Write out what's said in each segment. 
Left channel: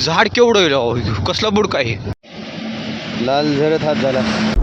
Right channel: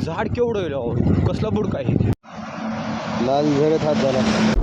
झाड केवढं आहे? कसला बुडका आहे? लाल झरत हात झाला.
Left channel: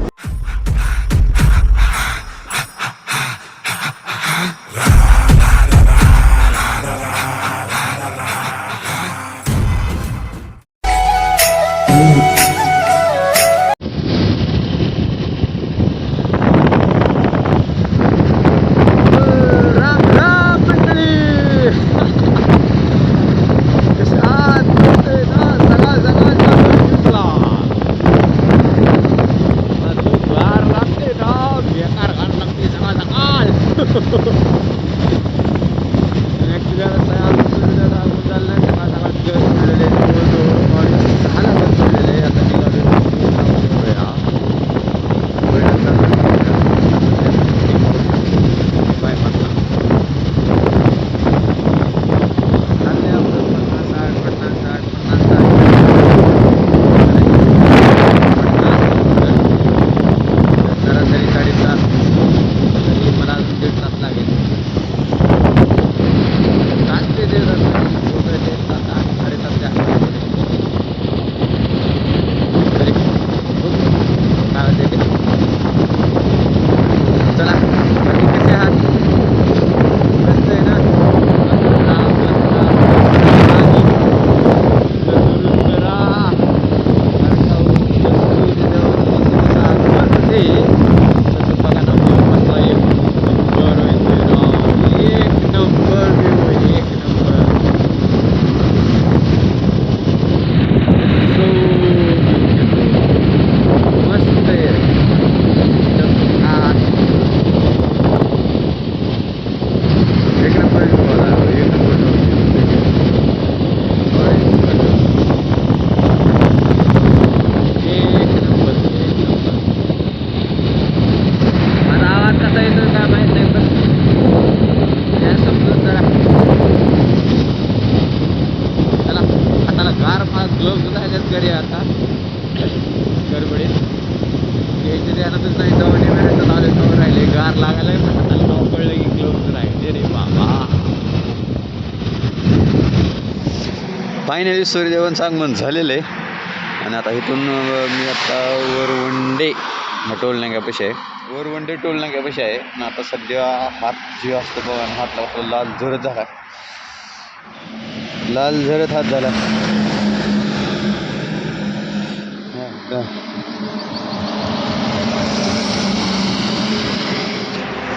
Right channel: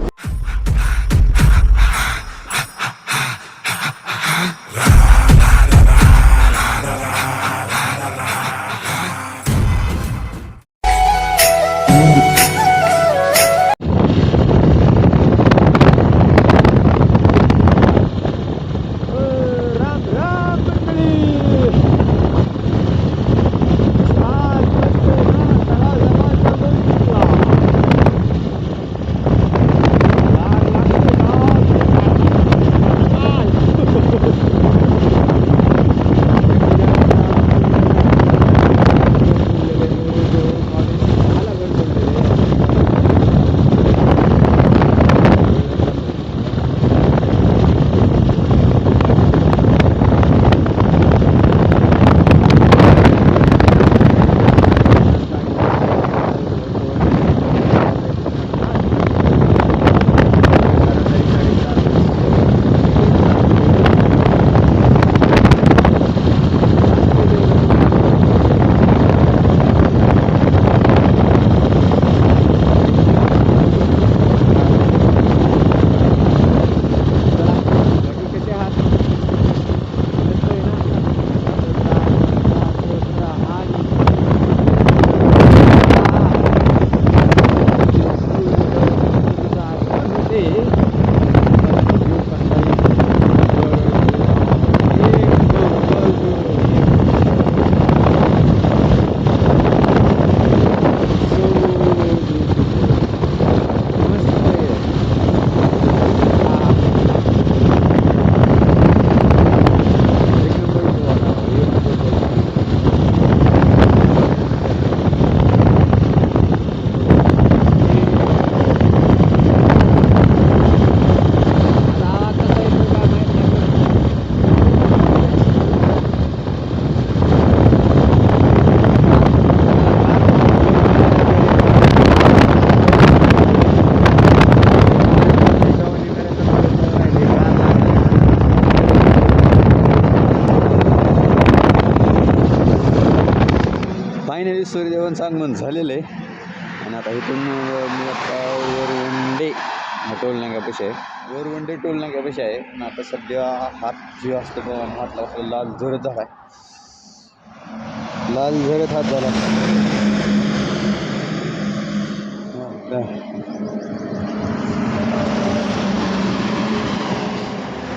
फायनली सूर्यदेवन सांगमन झालेलं. आहे आणि आता इथून मी आता वरवंडे ह्या टोल नाक्यापाशी आहे. वरवंडे टोल नाक्यापाशी आहे. आणि आता सध्या हात जे असतो बघा हातला हात लावतो लाल झरत झाला. लाल झरत हात झाला.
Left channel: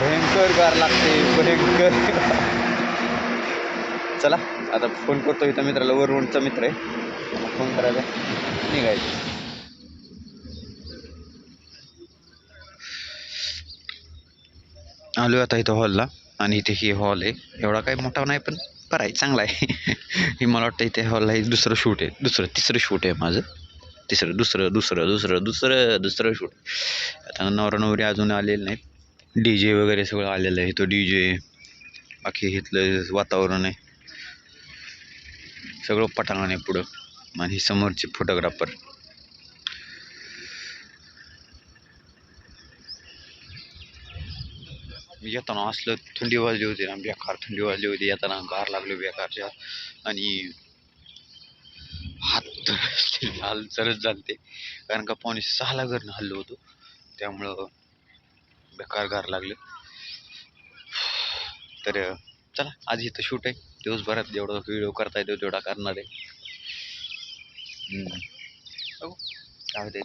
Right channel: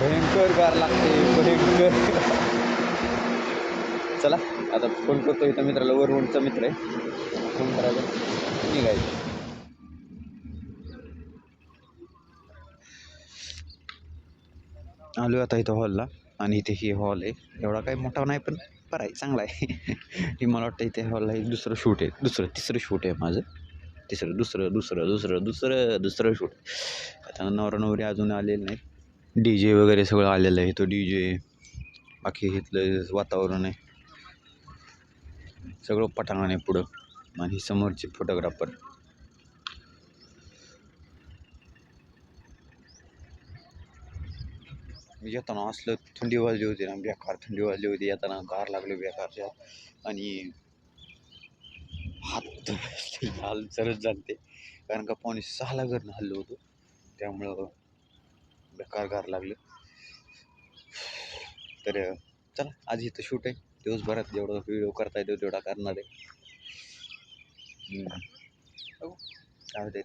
भयंकर गार लागते भयंकर. चला. आता फोन करतो इथं मित्राला वरवंडचा मित्र आहे. त्याला फोन करायचा निघायचं. आलो आता इथं हॉलला आणि इथे ही हॉल आहे. एवढा काही मोठा नाही पण बरं आहे चांगला आहे. हे मला वाटतं इथे हॉलला हे दुसरं शूट आहे. दुसरं तिसरं शूट आहे माझं. तिसरं दुसरं दुसरं दुसरं दुसरं दुसरं शूट आता नवरा नवरी अजून आलेले नाहीत. डी जे वगैरे सगळं आलेलं आहे. तो डी जे बाकी इथलं वातावरण आहे. सगळं पटांगण आहे पुढं. आणि समोरचे फोटोग्राफर फोटोग्राफर येताना असलं थंडी वाजली होती ना बेकार थंडी वाजली होती. येताना गार लागलो बेकारच्या. आणि हात लाल चरत झालते. कारण का पाणी सहाला घरनं हल्लो होतो. त्यामुळं बेकार गार लागलं. तर चला आज इथं शूट आहे. दिवसभरात जेवढा व्हिडिओ करता येतो तेवढा करणार आहे. काय होते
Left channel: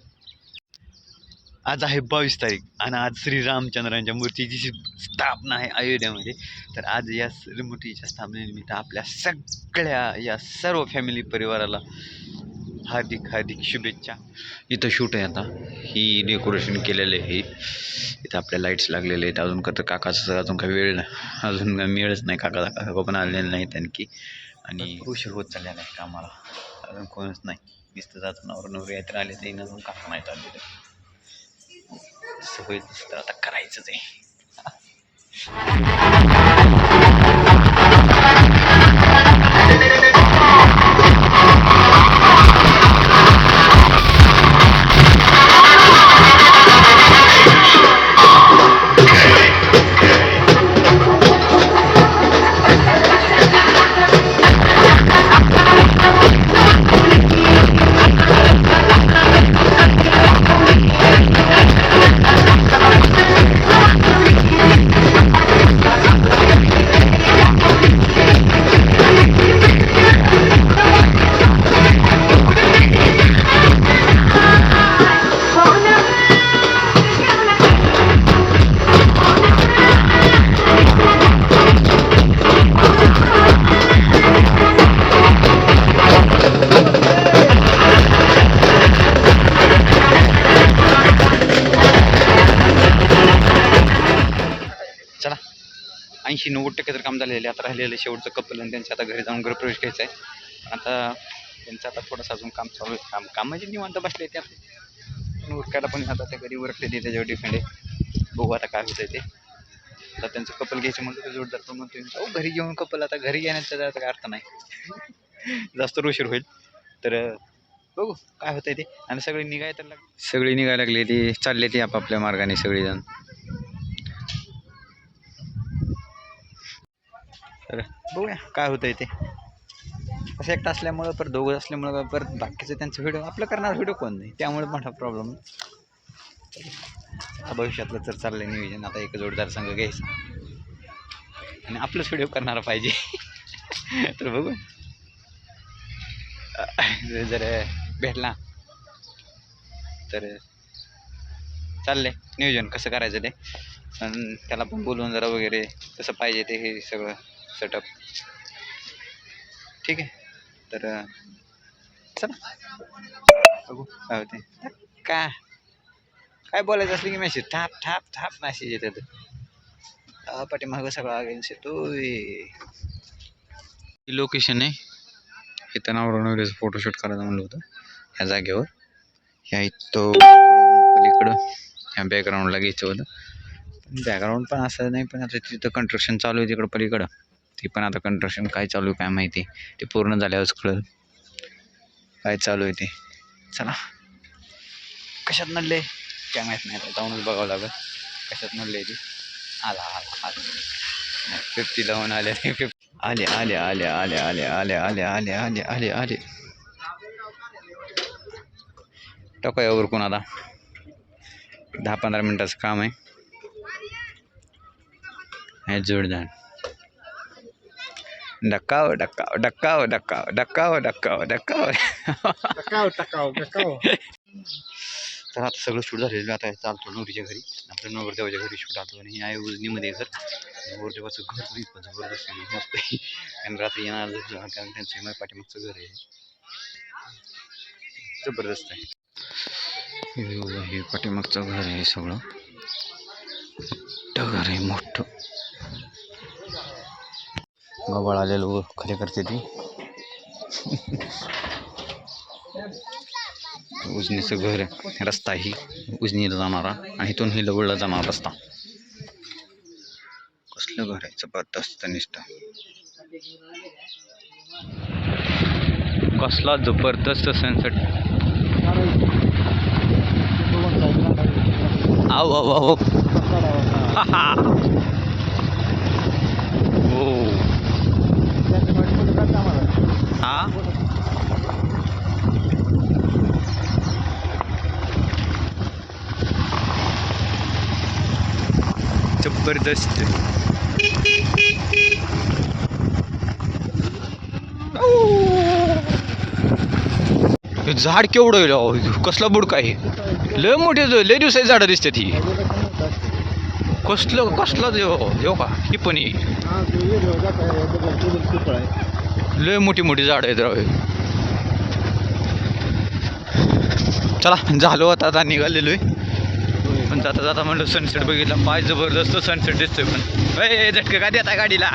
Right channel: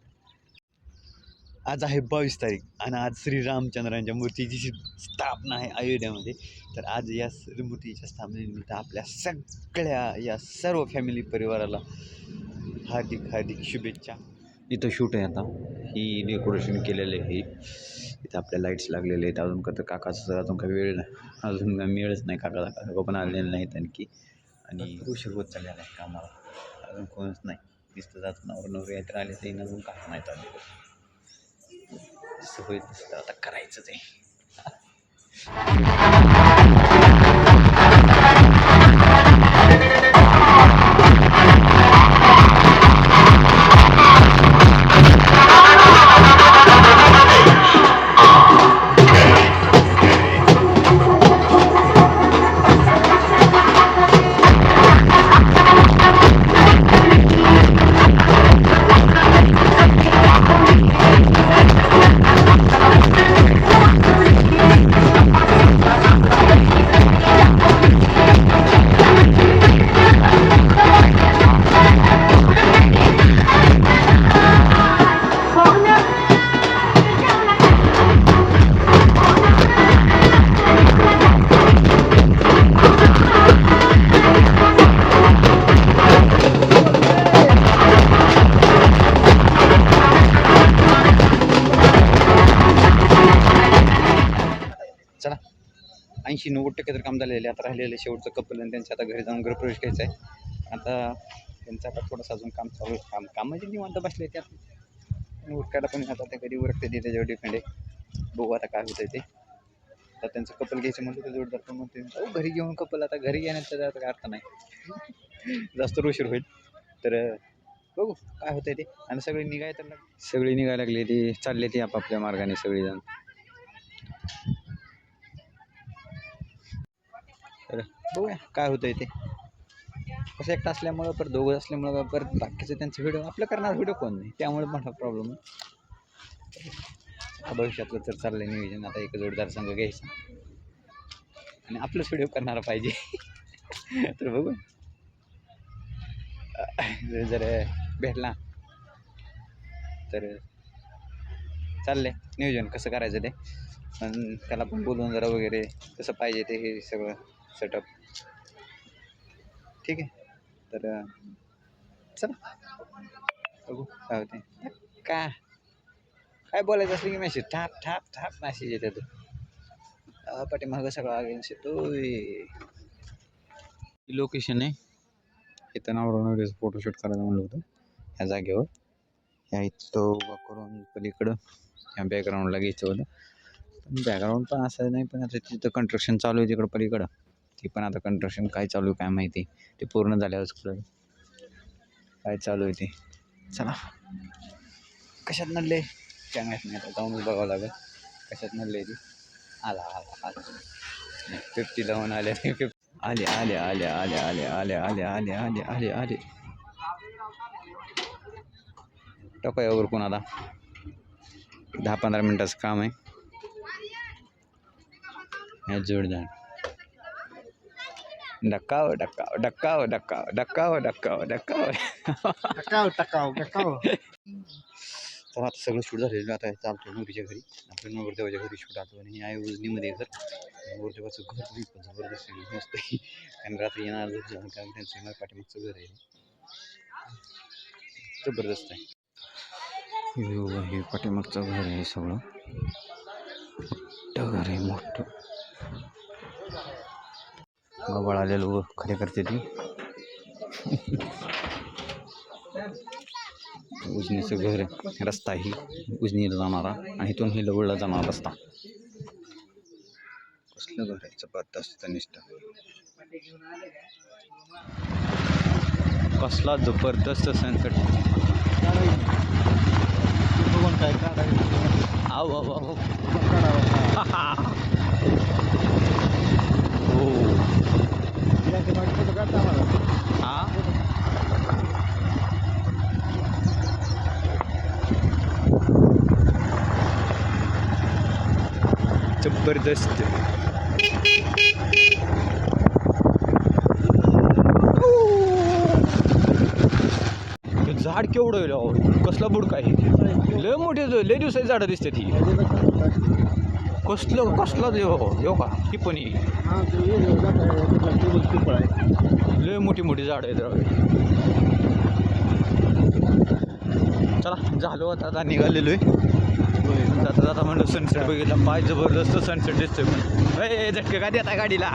आज आहे बावीस तारीख आणि आज श्री रामचंद्रांच्या मूर्तीची जी स्थापना आहे अयोध्यामध्ये तर आज या मूर्तीच्या स्थापनेनिमित्त आपल्या सगळ्या या सर्व फॅमिली परिवाराला हार्दिक हार्दिक शुभेच्छा. इथं शूट आहे आता. ही डेकोरेशन केलेलं आहे. इथं आपल्या लाईट्स लागलेले आहेत. अजून तर काकाचं अजून काही वेळ नाही. अजून मिळच नाही. काका काका पण आलेले नाहीत आणखी. आणि उशीर होत चाललेला आहे कामाला. अजून कोणच नाही. दिसतं जात नवर नवरी तर आले तरी अजून काका नाहीत आले तर. होईल तसं तर आता करायचंच आहे. ऐंशी नव्वद टक्के तर काम झालेलं आहे. आता राहिलेलं शेवटचं कपल आणि त्यांच्या आता घरी जाऊन गृहप्रवेश घ्यायचा आहे. आता त्यांचं आता थोडंसं अजून काम चालू आहे. काम काम म्हणजे निवांत बसले ते पण उरकायला पण आता त्या घरी उरकते ते त्याच्यावर डिपेंड आहे. बघू आता काय होतंय ते. आता त्यांचं कपल घ्यायचं म्हणतो तर जोडदार पण म्हणतो अहो घरी घेऊन कपल आता घरी घेण्याचा आता काय अर्थ नाही. जास्त उशीर होईल. तर बघू काय होतंय ते. आणि सगळी निघाय तर सगळी निघायला लागली ती. चालले ती आपापल्या मार्गाने सगळीजण. तर बघूया काय होतंय ते. कसं एकटं असल्यामुळं परत दोघं असल्यामुळं परत बाकीचं त्यांचं व्हिडिओ आपलं करणार व्हिडिओ कोण नाही. त्यामुळे मोठा प्रॉब्लेम भविष्यातलं तर चाललं नियोजन. आता एक जोडदार संघ घ्यायचा. आणि आपलंच व्हिडिओ करणारा पाहिजे. तर बघू जर भेटला तर चाललंय नियोजन. कसं करायचं ते. पण त्याला पण बोलवून जरा वगैरे कसं पाहिजे ते हे सगळं. सेटअप ठीक आहे. तर चला. बघू काय होते काय? काय बोलायचं असलं की मेसेज थाप थाप थाप मेसेज येतात अं, पाठीमागं सगळा अगेन्स्ट येतोय. लोकेशन आहे. इथं नावरून फोटोशूट करायचं म्हणलं होतं. ह्या जागेवर. ह्या इथं पलीकडं. ह्या बॅकग्राऊंडला घ्यायचं होतं. पण बॅकग्राऊंड पण असं नाही पण आता तिथं कंस्ट्रक्शन चालू आहे तिकडं पलीकडं. ती पण आता कंस्ट्रक्शन काय चालू आहे काय माहिती ते पूर्ण झाल्यावरच कळेल काय चालू आहे ते चला कशात नडले काय माहीत नाही आता जाऊनच बघावं लागेल कशात नडले ती आला आला आला फिफ्टी लावून आले फिफ्टी आले आले आले आले आले आले आले आले आले आले आले टाकूया उरकून आता दहा पंधरा मिनटाचं काम आहे हे जोडदार डक्काव डक्काव डक्काव डक्काव डक्काव डक्काव डक्काव टकाव टकाव टकाव तर आता सगळं शूट झालेलं आहे. आता चालतो नवरीच्या घरी. आपल्या नवरदेवाच्या घरी शूट आलो आणि आहे उजनीमध्ये घर. नवरदेवाचं घर बी पण जबरदस्त आहे. मस्त आहे. आणि रात्री येणार कारण त्यांचं माझ्या पाठीमागचं घर आहे. जबरदस्त आहे. हे हे पाठीमागचं घर आहे सगळं. मोठं घर आहे मोठं. गबाळ आलेलं व खरे करते ती. उजनीचं घर रस्ता ही उजनीला जाणारा आणि इथून ही लवळला जाणारा रस्ता. कसलं घर आहे जबरदस्त निष्ठा. कसला जबरदस्त सनसेट आव आव आव. हो. हा? जबरदस्त. झाड केवढं कसला बुडका आहे? लय मोठे लय दिवसाची झाडं दिसतात ही. कसलं कसलं देव देव का? ही पण ही. लय मोठी मोठी झाडं आहेत राव चला झालो आता आता निघालेलो आहे. पण जाता जाता म्हणलं सनसेट बघितला पाय जबरदस्त सनसेट दिसतोय पण. ए झटकं का देता गाडीला?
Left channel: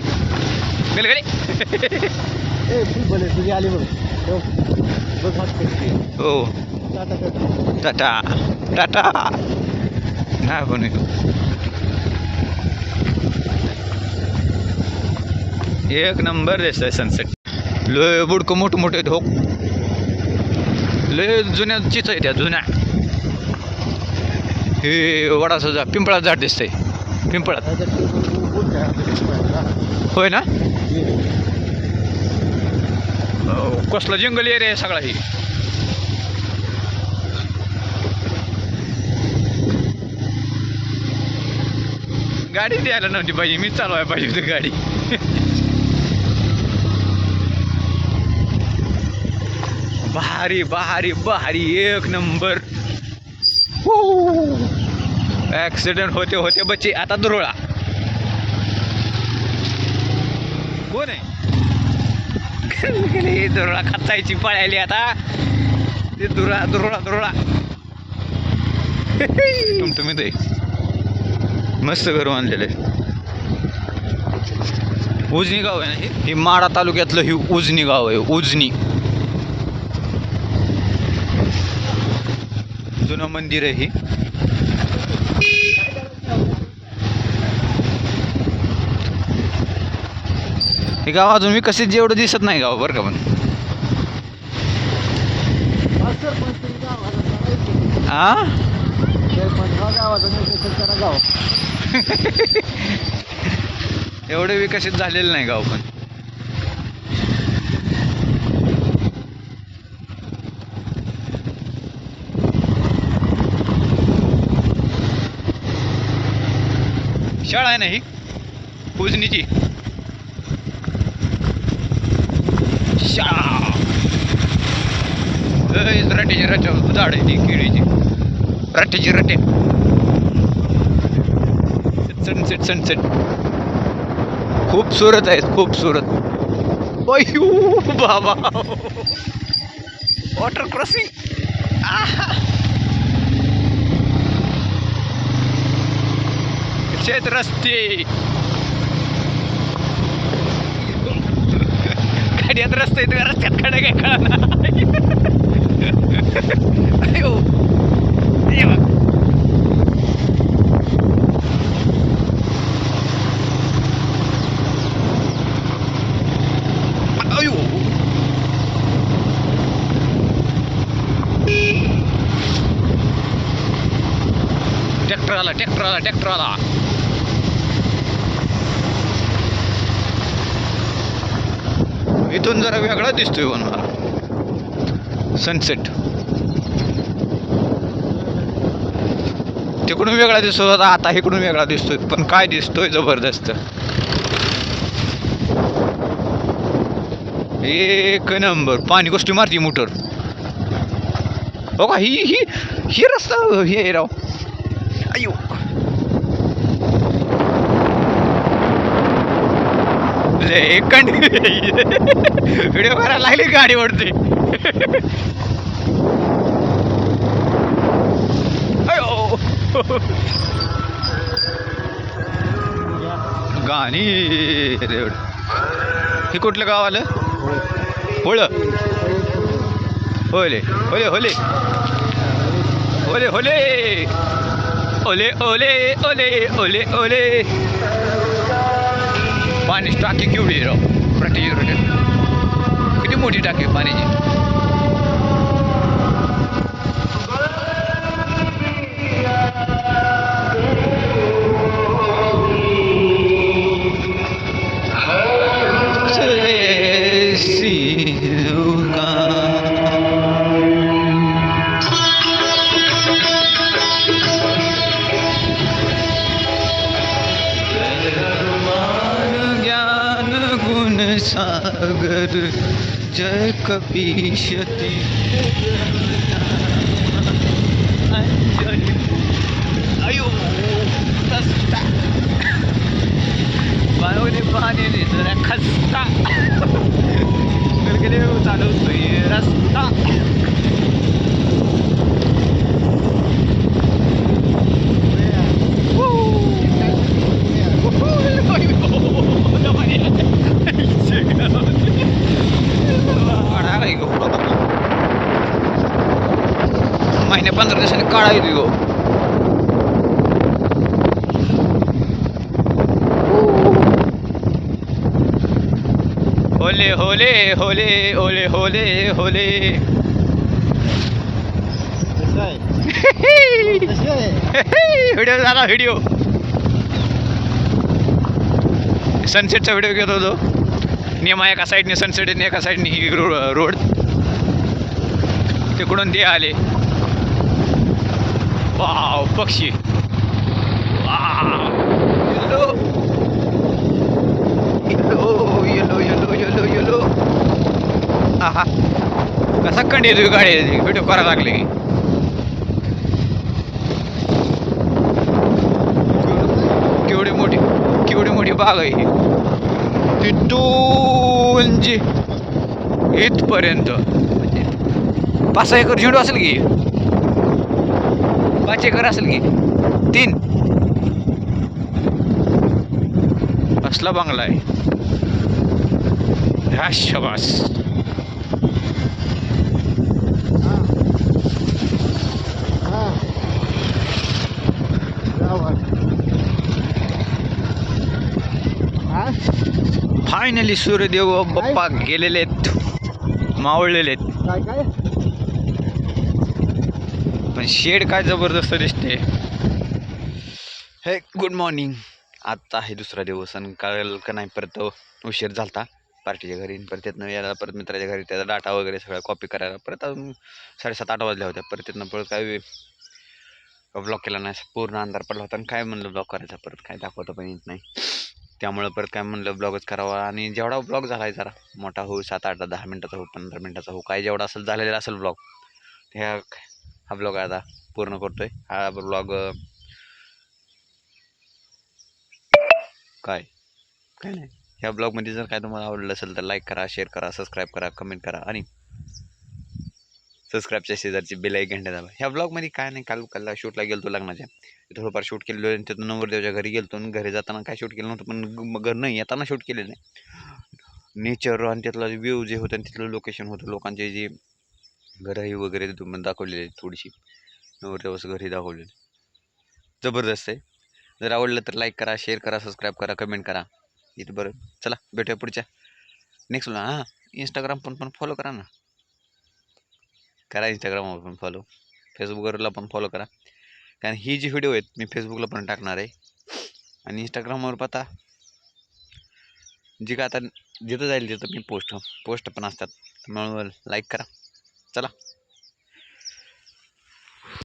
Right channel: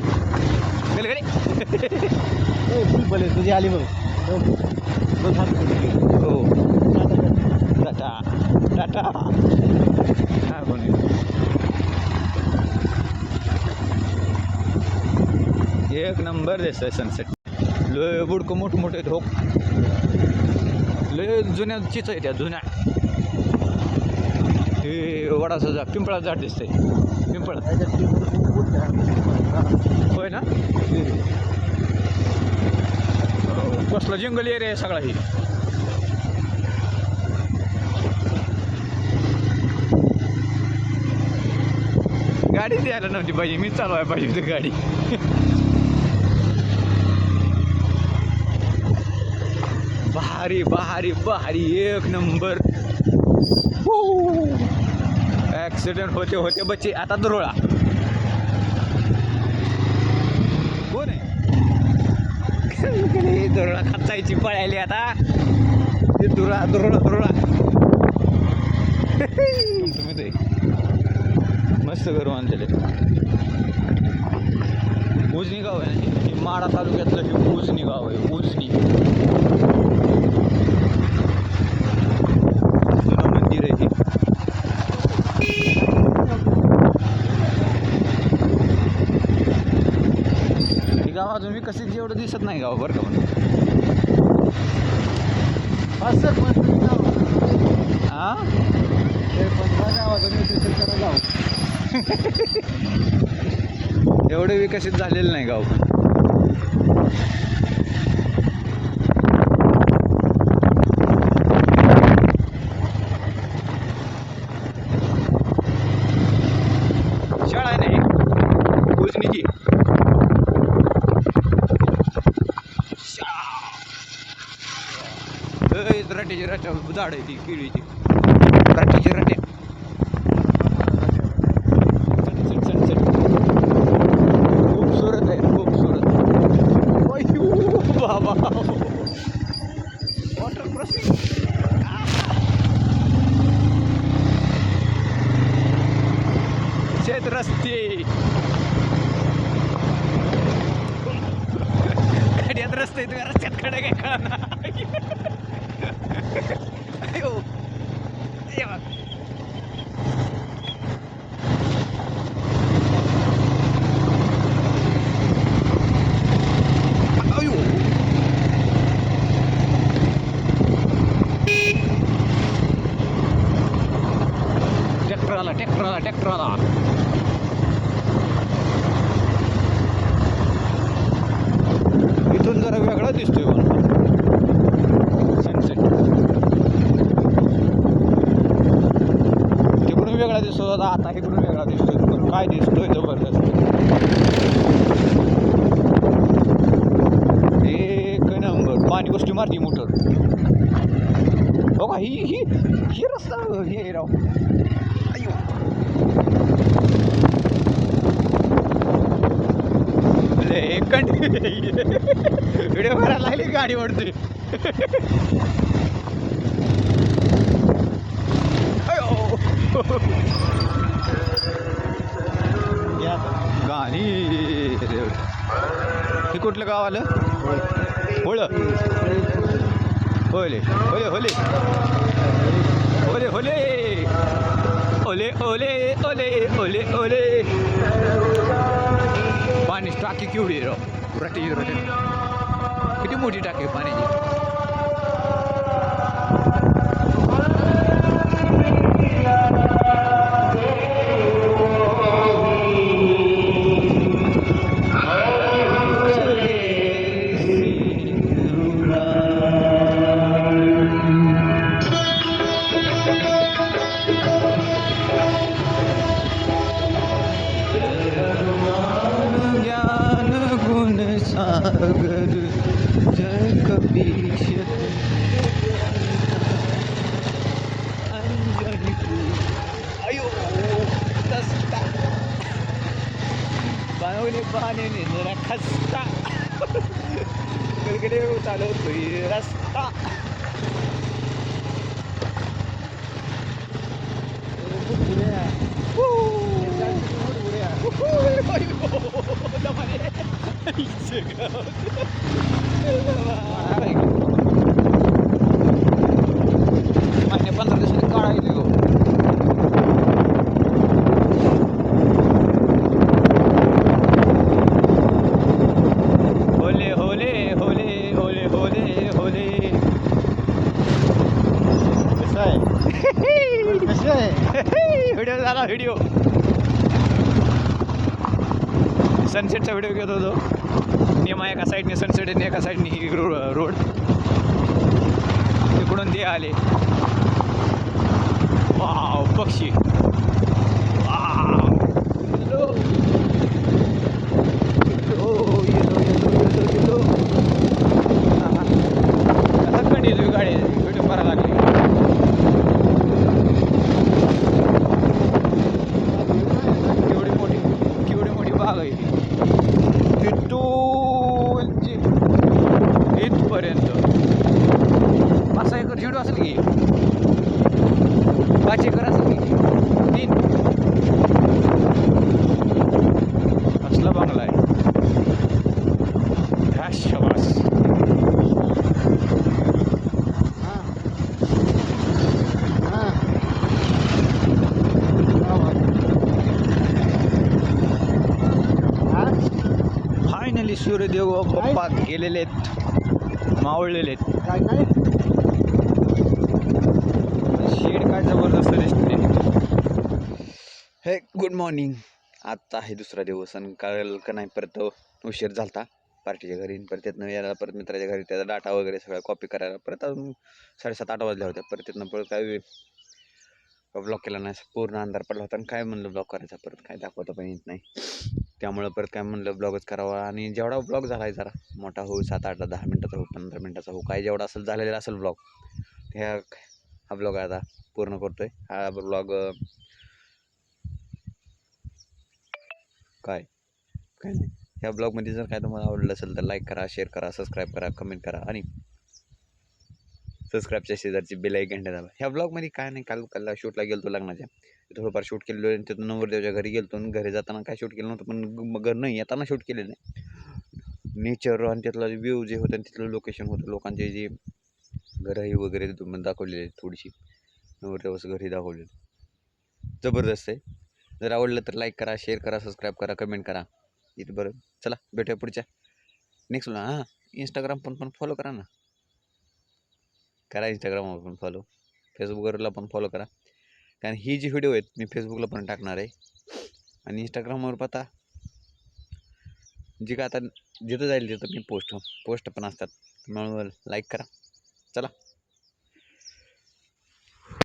गेल गाडी? तुझी आली बघ हो. टाटा टाटा. नाही. हो एक नंबर दिसतंय सनसेट लय बुडकं मोठं मोठे धोक लय जुन्या चिच आहे त्या जुन्या. हे वडाचं झाड पिंपळाचं झाड दिसतंय. पिंपळात. होय ना? हो, कसला जंगल एरिया आहे सगळा ही. गाडी द्यायला नव्हती पाहिजे मी चालवायला पाहिजे होती गाडी. भारी भारी भारी. एक नंबर. ऍक्सिडेंट होते होते बच्चे. आता दुरोळा. कोण आहे? दुरोळा खातायची पळायली आता. ते दुरा दुरोळा दुरोळा. तुम्ही ते मस्त घर बांधलेलं उजनी गाव आहे ना हे? हे माडा तालुक्यातलं हे उजनी गाव आहे उजनी. मंदिर आहे हे. हे गाव अजून मी कसे जेवढं दिसत नाही गाव बरं का पण. हा एवढे विकसित झालेलं नाही गाव पण. शाळा आहे नाही उजनीची शाळा ए, रट झाड आहे ती केळीची. रटेची रटे. Sunset sunset. खूपसूरत आहेत खूपसूरत बाबा. Water crossing. शेत रस्ते गाड्यात रस्ते आहेत का रस्त्यात खडे काय कळना अयो ये बघ. अयो ट्रॅक्टर आला ट्रॅक्टर आला ट्रॅक्टर आला इथून जरा वेगळा दिसतोय पण मला सनसेट तिकडून वेगळा दिसतो होता आता इकडून वेगळा दिसतोय. पण काय दिसतोय जबरदस्त. एक नंबर. पाणी गोष्टी मारती मोटर. हो का? ही ही ही रस्ता हे राव. अयो लय कंड व्हिडिओ करायला लागली गाडी ओढते गाणी हे कुठलं गाव आलं? होळ. होले होले होले होले होले ओले ओले ओले ओले ओले. पाणी टाकी केवढी आहे राव? रटेची किती मोठी टाकी पाण्याची? अगर जय कपीशती अंजनी अयो रस्ता पाहुणे पाण्याने जरा खस्ता गलगले चालवतोय रस्ता. पंधरा दिवसांनी काळा येतो गो होले होले होले होले होले होले. व्हिडिओ झाला व्हिडिओ. सनसेटचा व्हिडिओ घेत होतो. नेमा एका साईडने सनसेट एका साईडने ही रोड. तिकडून ते आले. पक्षी येलो येलो येलो येलो आहा. कसा कंडी येतो गाडी? व्हिडिओ करा लागले की. केवढी मोठी केवढी मोठी बाग आहे ही. तिथून जी इथपर्यंत. पाच सहा एकर झेंडू असेल की? पाच एकर असेल की? तीन. असला बंगला आहे. हा शबास. फायनली सूर्यदेव बाप्पा गेलेले आहेत. मावळलेले आहेत. काय काय? शेड काय जबरदस्त दिसते. हे गुड मॉर्निंग आत्ता आहे दुसरा दिवस आणि काल का नाही परत उशीर झालता. पार्टीच्या घरी परत तिथनं यायला परत मित्राच्या घरी त्याचा डाटा वगैरे सगळा कॉपी करायला. परत अजून साडेसात आठ वाजल्या होत्या. परत तिथनं परत काय ब्लॉक केला नाही पूर्ण अंधार पडला होता आणि काय म्हणलं ब्लॉक करायचा? परत काय दाखवता पण येत नाही. त्यामुळं परत काय म्हणलं ब्लॉगच करावा. आणि जेवढा ब्लॉग झाला आहे जरा मोठा होऊ सात आठ दहा मिनटाचा हो पंधरा मिनटाचा हो काय जेवढा असेल झालेला असेल ब्लॉग ह्या हा ब्लॉग आता पूर्ण करतोय. हा ब्लॉग काय? काय नाही. ह्या ब्लॉगमध्ये जर काय तुम्हाला आवडलं असेल तर लाईक करा शेअर करा सबस्क्राईब करा कमेंट करा आणि सबस्क्राईबच्या शेजारची बेल एक घंटे दाबा ह्या ब्लॉगमध्ये काय नाही काल काल शूटला गेलतो लग्नाच्या. थोडंफार शूट केलेलं आणि तिथून नवरदेवच्या घरी गेलतो आणि घरी जाताना काय शूट केलं नव्हतं पण घर नाही येताना शूट केलेलं नाही नेचर आणि त्यातला व्ह्यू जे होतं आणि तिथलं लोकेशन होतं लोकांचे जे घरही वगैरे तिथून दाखवलेली आहेत थोडीशी. नवरदेवाचं घरही दाखवलेली जबरदस्त आहे. जर आवडलं तर लाईक करा शेअर करा सबस्क्राईब करा कमेंट करा. इथं बरं. चला भेटूया पुढच्या. नेक्स्ट हां इंस्टाग्राम पण पण फॉलो करा ना. करा इंस्टाग्रामवर पण फॉलो फेसबुकवरला पण फॉलो करा. कारण ही जी व्हिडिओ आहेत मी फेसबुकला पण टाकणार आहे. आणि इंस्टाग्रामवर पाहता जी का आता जिथं जाईल तिथं मी पोस्ट पोस्ट पण असतात. त्यामुळे लाईक करा. चला